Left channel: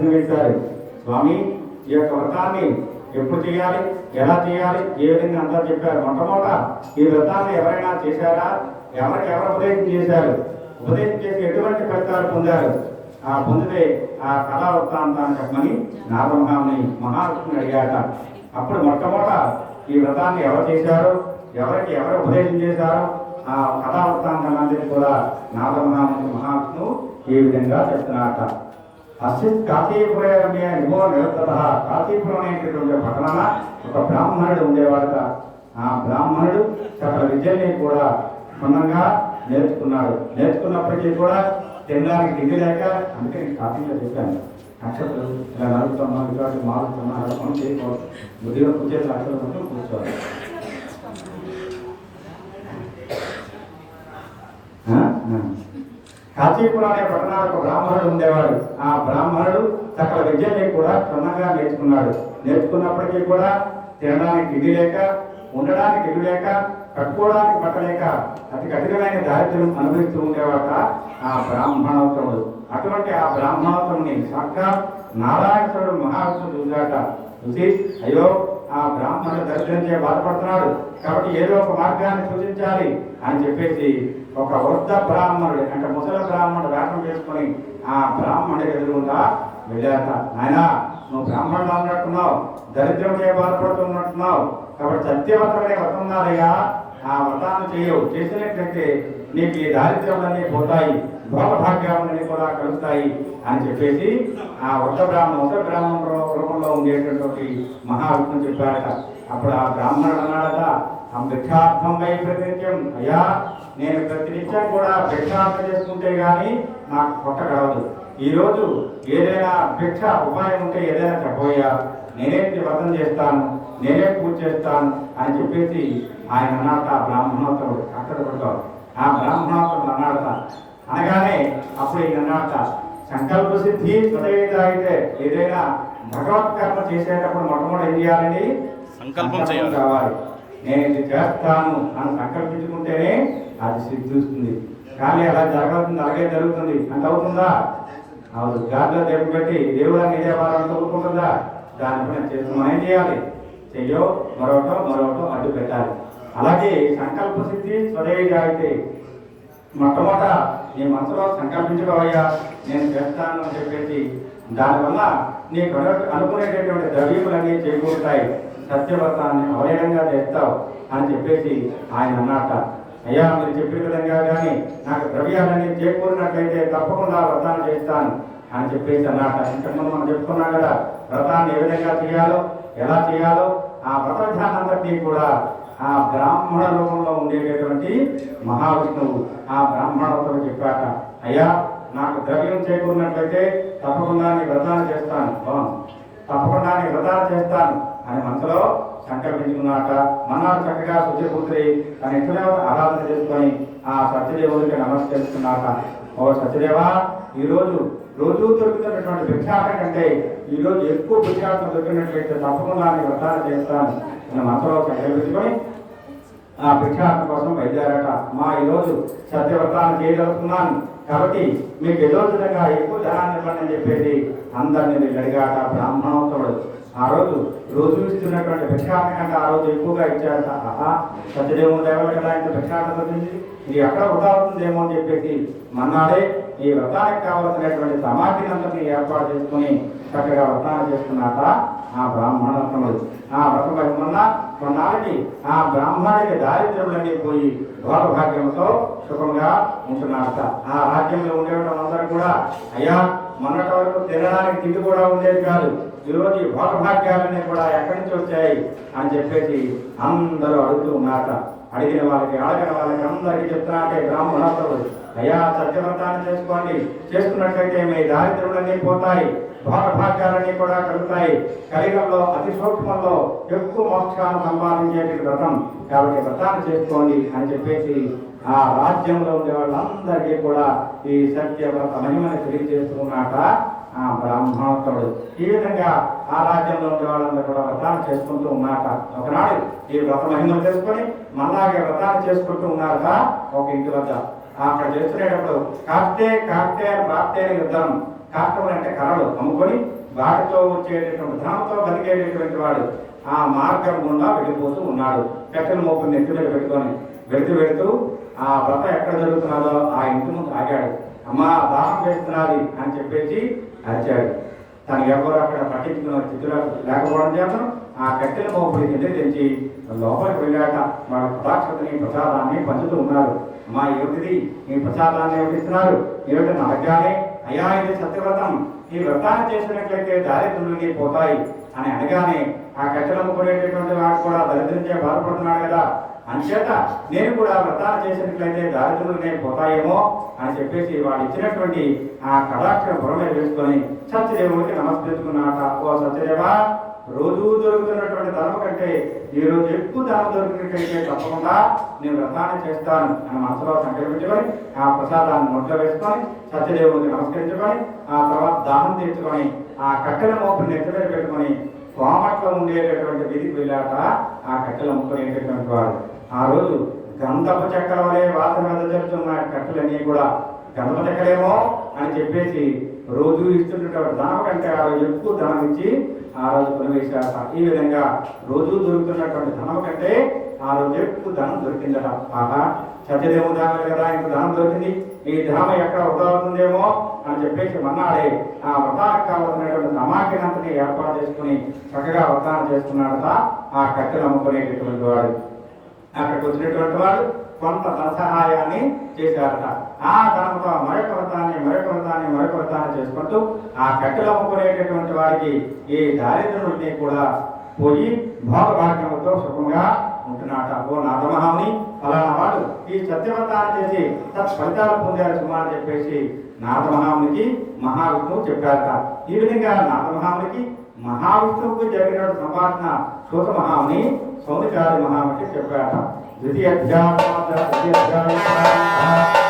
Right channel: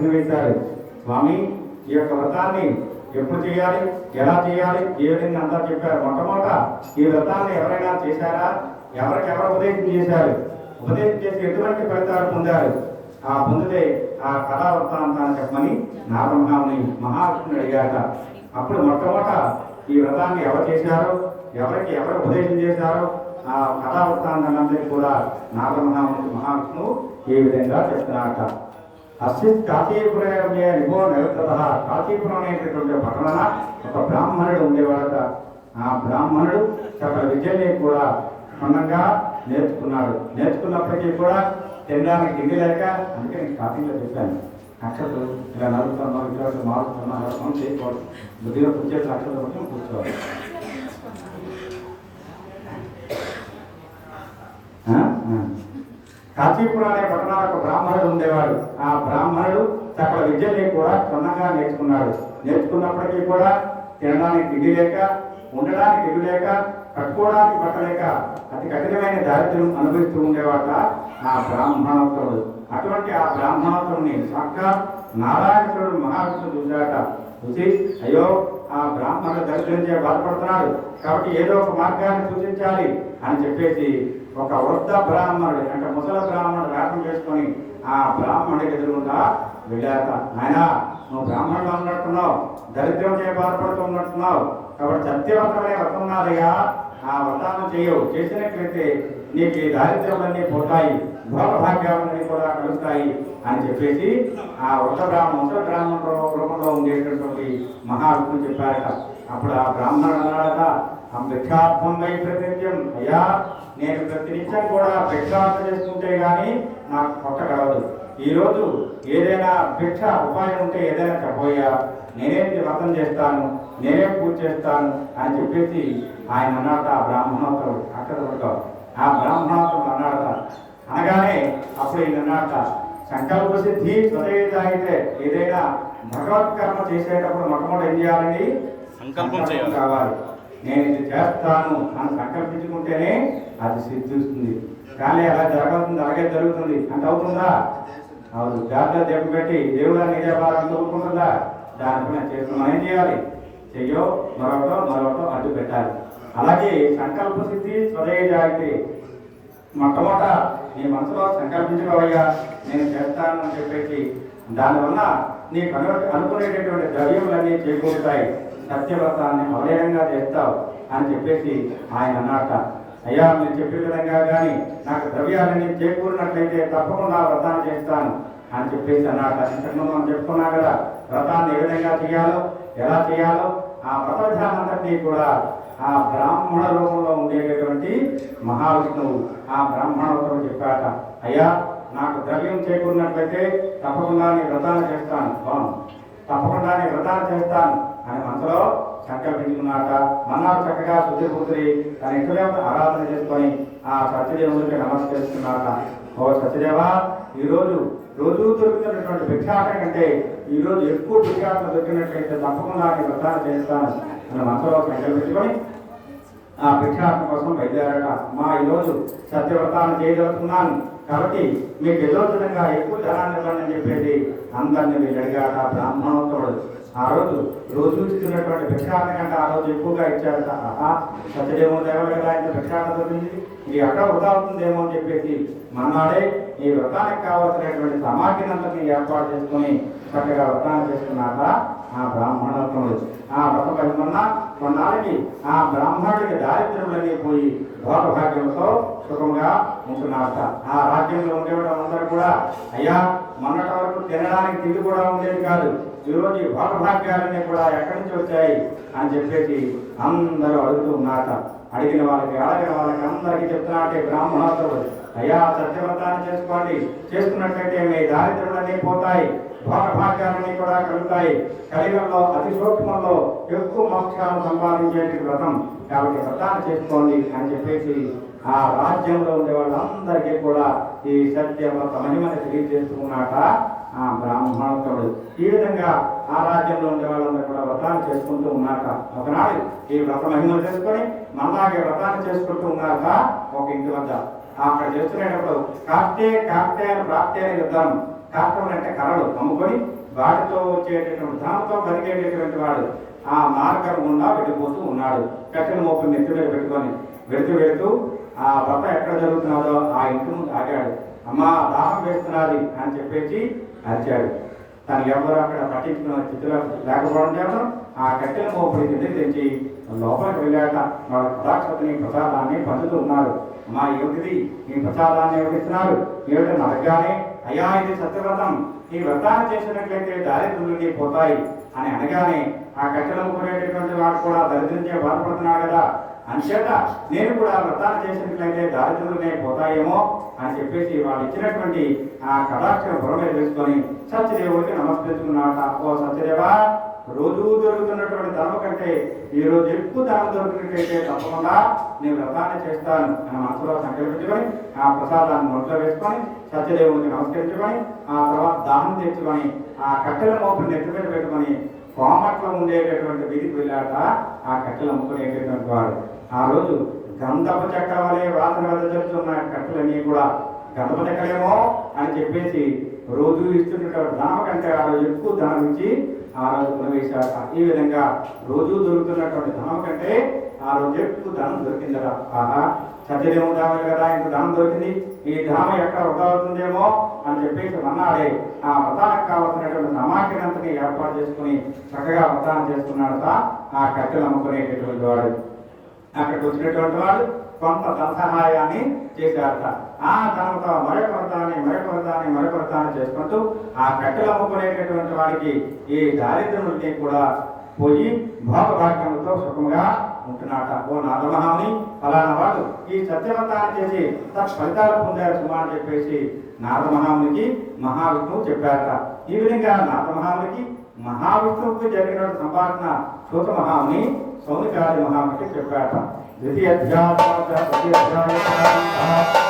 ప్రశ్న వేశారు స్వామి ఈ యొక్క వ్రతాన్ని ఎప్పుడు చేయాలి? ఎలా చేయాలి? ఏ విధంగా అంతా చెప్పారు? మొట్టమొదట ఈ వ్రతాన్ని ఎవరైనా చేశారా? ఎవరికి ఎవరు ఉపదేశం చేశారు? ఉపదేశం చేసి ఎటువంటి ఫలితాలు పొందారు? ఆ పొందితే ఆ కథా వృత్తాంతాన్ని చెప్పమని నారమహాముని మహావిష్ణుని అడిగాట. అప్పుడు మొట్టమొదట ఈ వ్రతాన్ని ఎవరు చేశారు? ఎవరికి ఎవరు ఉపదేశం చేశారో? ఆ కథా వృత్తాంతాన్ని కూడా నారమహాముని మహావిష్ణు ఈ విధంగా చెప్తున్నారట. అస్మిత్ కాశీపురమే నిమో నిరుత్తత కాశీపురం అనేటటువంటి పట్టణాన ఒక బ్రాహ్మణుడు ఉండేవాడట. ఆ బ్రాహ్మణుడు సకల విద్యల్ని కూడా క్షుణ్ణంగా నేర్చుకున్నాడు. నేర్చుకున్నప్పటికీ కూడా తినడానికి తిండి లేక అందుకే నేను కాఫీలో చెప్పాను. నక్షత్రం ఇలా నడుపుతాం ఇటువంటి మారుతున్నాం అలా చేయకూడదు. బుద్ధిగా కూర్చేసి అక్షతలు మొత్తం కూర్చోవాలి. ఆ? కాశీపురం అనే పట్టణాలకు బ్రాహ్మణుడు ఉండేవాడు. ఆ బ్రాహ్మణుడు సకల విద్యల్ని కూడా క్షుణ్ణంగా నేర్చుకున్నాడు. నేర్చుకున్నప్పటికీ కూడా తినడానికి తిండి లేక ఉండడానికి ఇల్లు లేక కట్టుకోవడానికి పట్టలేక అతి కఠినమైన దారిద్ర్యం అనుభవిస్తూ ఉండేవాట ఆ బ్రాహ్మణోత్తముడు. అటువంటి ఆ బ్రాహ్మణోత్తముని సాక్షాత్ నారాయణుడు మహావిష్ణుడు చూశాట చూసి అయ్యో ఆ బ్రాహ్మణుడు దరిద్రం చే బాధపడుతున్నాడు. కాబట్టి ఏదో ఒక మార్గాన్ని సూచించాలి అని చెప్పేసి ఒక వృద్ధ బ్రాహ్మణుడు అంటే ముసల బ్రాహ్మణుడు వేపం చేసుకొని ఆ బ్రాహ్మణుడి ఎదురుగా వెళ్ళాక నాయనా నువ్వు బ్రాహ్మణుడు ఉన్నట్టున్నావు దరిద్రం చే బాధపడుతున్నట్టున్నావు కాబట్టి సత్యవంతమైన వస్తున్నారయ్యా. ఆ వ్రతాన్ని చేయవు చేసినట్లయితే నీకు ఈ దారిద్ర్యాలన్నీ పోతాయి భోగ భాగ్యాలన్నీ కూడా కలుగుతాయి అని చెప్పేసి ఆ వృద్ధ బ్రాహ్మణ వృద్ధ బ్రాహ్మణ రూపంలో ఉండేటటువంటి మహావిష్ణువు చెప్పారట. అప్పుడు ఆ బ్రాహ్మణుడు అన్నాడట ఆ భిక్షార్థం వై ప్రతినిత్యం అయ్యా నేను ప్రతినిత్యం కూడా భిక్షార్థం చేసుకుంటే గాని నాకు పొట్ట కావదు ఈ రోజు ఏదైనా భిక్ష ఉపాయం ఉంటే ఏదైనా చెప్పబోయా? నేనే వ్రతం చేస్తాను? నేనే పూజ చేస్తాను? అని చెప్పేసి ఆయన అన్నాడట ఆ బ్రాహ్మణోత్తరుడు అక్కడ ఆ బ్రాహ్మణోత్తరుడు అన్నాడట అనగానే అప్పుడు ఈయన అన్నాడట సంకల్ప సిద్ధి అయితే ఏదైనా భగవత్ కర్మ చేసేటప్పుడు మొట్టమొదటి ఏం చేయాలని సంకల్పం చేయాలి. కావాలి. నేను ఇది చేస్తాను అని సంకల్పించుకుంటేనే అది సిద్ధిస్తుంది. కానీ అలా జరగవుతుంది అలాగే జరుగుతుంది. అంత అవుతుందా? అవును. జాగ్రత్త దెబ్బ పెట్టి దేవుడు అని ఇదే వారం చదువుకుంటుందా దానిపైన చేస్తున్నాం. ఏం చేయాలి? చెయ్యో మరొక మరొక అడ్డు పెట్టాలి. అలాగే సంకల్ప సిద్ధి స్వదేయ అయితే మొట్టమొదట నీ మనసులో సంకల్పించుకోవయ్యా నేను చేస్తాను అని చెప్పేసి. దానివల్ల నీకు అను అనుకునేటటువంటి ద్రవ్యములన్నీ చేకూరుతాయి. సత్యవ్రతాన్ని అవయంగా చేస్తావు అని చెప్పేసి ఆయన అన్నట అయ్యా మీరు చెప్పిన విధంగా కానీ నాకు ద్రవ్యాలన్నీ చేకూరినట్లయితే తప్పకుండా వ్రతాన్ని చేస్తాను అని చెప్పేసి అన్నట ఇంతకుముందు మనం చెప్పుకున్నా కదా వ్రతాన్ని ఏ విధంగా చేయాలో ఎలా చేయాలో ఆ వ్రత కూడా ఆ బ్రాహ్మణ రూపంలో ఉండేటటువంటి మహావిష్ణువు ఆ బ్రాహ్మణతో చెప్పాట అయ్యా నాకు ద్రవ్యం చేకూరినట్లయితే తప్పకుండా నీ వ్రతాన్ని చేస్తాను. తప్పకుండా నీ వ్రతాన్ని చేస్తాను. అని మనసులో సంకల్పించుకున్నాక మన్నాడు చక్కగా శుద్ధిపుత్రి తన ఇంట్లో ఆరాధన చేసుకొని ఆ సత్యదేవుడికి నమస్కరిస్తున్నాక ఓ సత్యదేవ ఈరోజు రోజు దొరుకుతున్నటువంటి భిక్షాటం కంటే ఈరోజు ఎక్కువ భిక్షాటం దొరికినట్లయితే తప్పకుండా నీ చేస్తాను అని మనసులో సంకల్పించుకొని ఆ భిక్షాటం కోసం బయలుదేరాక మా ఈరోజు సత్యవ్రతాన్ని చేయగలుగుతున్నాను కాబట్టి మీకు ఎదో విధంగా ఎక్కువ జనాన్ని ఇవ్వండి అని చెప్పేసి అందరినీ వీళ్ళు అడిగాట బ్రాహ్మణోత్తరుడు. ఆ రోజు రోజు ఇస్తున్నటువంటి భిక్షాటం కంటే ఆ రోజు ఎక్కువగా ఇచ్చాడట ఆహా సత్యదేవుడు దేవాలి ఆయన ఇంత భిక్షాటం దొరికింది ఎక్కడ వృధా అవుతుందేమో అని చెప్పేసి మన్నాడే ఈ వ్రతానికి కావాల్సినటువంటి సమాధిని అంతని ఏర్పాటు చేసుకుని చక్కగా వ్రతాన్ని చేసుకున్నాక ఆ బ్రాహ్మణోత్తముడు ఆ వ్రతం వల్ల కొన్నాళ్ళకి ఆ బ్రాహ్మణుడికి దారిద్ర్యములన్నీ పోయి భోగభాగ్యంతో సుఖంగా ఉంటున్నారట. ఆ రాజ్యంలో ఉండేవాళ్ళందరూ కూడా అయ్యా మొన్నటి వరకు తినడానికి తిండి కూడా ఉండేది కాదు. ఈరోజు ఈ భోగభాగ్యాలన్నీ కూడా ఎక్కడి నుంచి వచ్చాయి అని చెప్పేసి అందరూ అడుగుతూ ఉన్నారట. అడిగిన వాళ్ళకి అడగిన వాళ్ళకి అందరికీ చెప్తున్నాడే బ్రాహ్మణోత్తరుడు అయ్యా సత్యవ్రతాన్ని చేసుకోండి. చేసుకున్నట్లయితే మీ దారిద్ర్యములన్నీ పోతాయి భోగభాగ్యాలన్నీ కూడా కలుగుతాయి. కలిగంలో అతి సూక్ష్మంలో ఎక్కువ మోక్షాన్ని సంపాదించేటి వ్రతం. కాబట్టి వ్రతాన్ని చేసుకోండి అని చెప్పేసి ఆ రాజ్యంలో ఉండే వాళ్ళందరికీ కూడా ఈ సత్యవ్రత మహిమని తెలియజేసుకున్నాక ఆ బ్రాహ్మణోత్తముడు. ఈ విధంగా ఆ రాజ్యంలో ఉండే వాళ్ళందరూ కూడా వ్రతాలు చేసుకుంటూ ఉన్నాక ఒకనాడు ఈ వ్రత మహిమను తెలుసుకొని మళ్ళాగే వ్రతాలు చేసుకుంటూ ఉన్నాక ఒక ఇంటి వద్ద. అక్కడ చేస్తున్నప్పుడు కాప్తే కాప్తే అని ప్రాప్తే యుద్ధం. కాష్టములు అంటే కర్రలు అమ్ముకొని వాటితో వచ్చేటటువంటి ధనంతో బతికేటటువంటి వాడు ఆ మార్గం గుండా వెళ్ళిపోతూ ఉన్నాడు. కట్టెల మోపు నెత్తి మీద పెట్టుకొని వెళుతూ వెళుతూ ఆ వ్రత ఎక్కడ జరుగుతున్నదో ఆ ఇంటి ముందు ఆగాడు. అమ్మా దాహం చేస్తున్నది అని చెప్పేసి అరిచాడు. తను ఎవరు అక్కడ పట్టించుకున్న స్థితిలో లేకపోవడం చేత ఆ కట్టెల మోపుడి తిండి తెచ్చి లోపలికి వెళ్ళాట వాళ్ళ కటాక్షతని ప్రసాదాన్ని పంచుతూ ఉన్నారు. మా యువతిది ఈ ప్రసాదాన్ని ఎవరిస్తున్నారు ఏమిటో నడగానే అయ్యా ఇది సత్యవ్రతం. ఈ వ్రతాన్ని చేసినట్లయితే దారిద్రులకి పోతాయి అని అనగానే ఆ కట్టెల ముక్కునేటటువంటి వాడు కూడా దరిద్రించే బాధపడుతున్నాడు కదా. అంచేత నేను కూడా వ్రతాన్ని చేసినట్లయితే దారిద్రులనే పోతాయేమో అని చెప్పేసి వాడు ఇచ్చినటువంటి ఆ కళాక్షర బుర్ర మీద వేసుకొని సత్యదేవుడికి ఓ సత్యదేవా రోజు దొరుకుతున్నటువంటి ధనం కంటే ఈ రోజు ఎక్కువ ధనం దొరికినట్లయితే తప్పకుండా నేను వ్రతాన్ని చేస్తాను అని మనసులో సంకల్పించుకొని ఆ ప్రసాదాన్ని నోట్లో వేసుకొని సత్యదేవుడికి నమస్కరించుకొని ఆ తర్వాత దానం తెచ్చుకొని ఆ కట్టెల మోపుని నెత్తి పెట్టుకొని కోమట్లో ఉండేటటువంటి వీధికి వెళ్ళాక ఆ కట్టెలు అమ్ముకునేటటువంటి వాడు. ఆ రోజు గంధపు చక్రం వలె వాసన వద్ద చెప్తున్న కట్టెలన్నీ కూడా గంధపు చెక్కలేమో అని చెప్పేసి రోజు ఇస్తున్నటువంటి ధనం కంటే ఆ రోజు ఎక్కువ ధనం ఇచ్చి ఆ రోజు కొనివేశాట ఈ విధంగా రోజు దొరుకుతున్నటువంటి ధనం కంటే ఆ రోజు ఎక్కువ ధనం దొరికిందట. ఆహా సత్యదేవుడు దాని కదా ఇంత ధనం దొరికింది. ఈ ధనం ఎక్కడ వృధా అవుతుందేమో అని చెప్పేసి మన్నాడే ఆ వ్రతానికి కావాల్సినటువంటి నమాకినంతని ఏర్పాటు చేసుకుని చక్కగా వ్రతాన్ని చేసుకున్నాడట ఆ కట్టెలు అమ్ముకునేటటువంటి వాడు అక్కడికి వచ్చినటువంటి వాడు కొంత ధనసహాయాన్ని చేశారట. ఆ ధనంతో మరొక వ్రతాన్ని మరొక వ్రతాన్ని మరొక వ్రతాన్ని చేసుకుంటూ ఆ కట్టెలు అమ్ముకునేటటువంటి వాడికి ఈ దారిద్ర్యం కూడా పోయి భోగభాగ్యములతో సుఖంగా ఉంటున్నాట ఓ నరమహాముని ఫలానా వాడు ఈ సత్యవ్రతాన్ని చేసి తన ఫలితాలు పొందారు సుమా అని చెప్పేసి నారదమహామునికి మహావిష్ణువు చెప్పారట. ఈ విధంగా నాథమహామునికి మహావిష్ణువుకు జరిగిన సంభాషణ సూత మహాముని సౌనికాది మహామునికి చెప్పాట. ద్వితీయ అధ్యాయ ద్వితీయ అధ్యాయ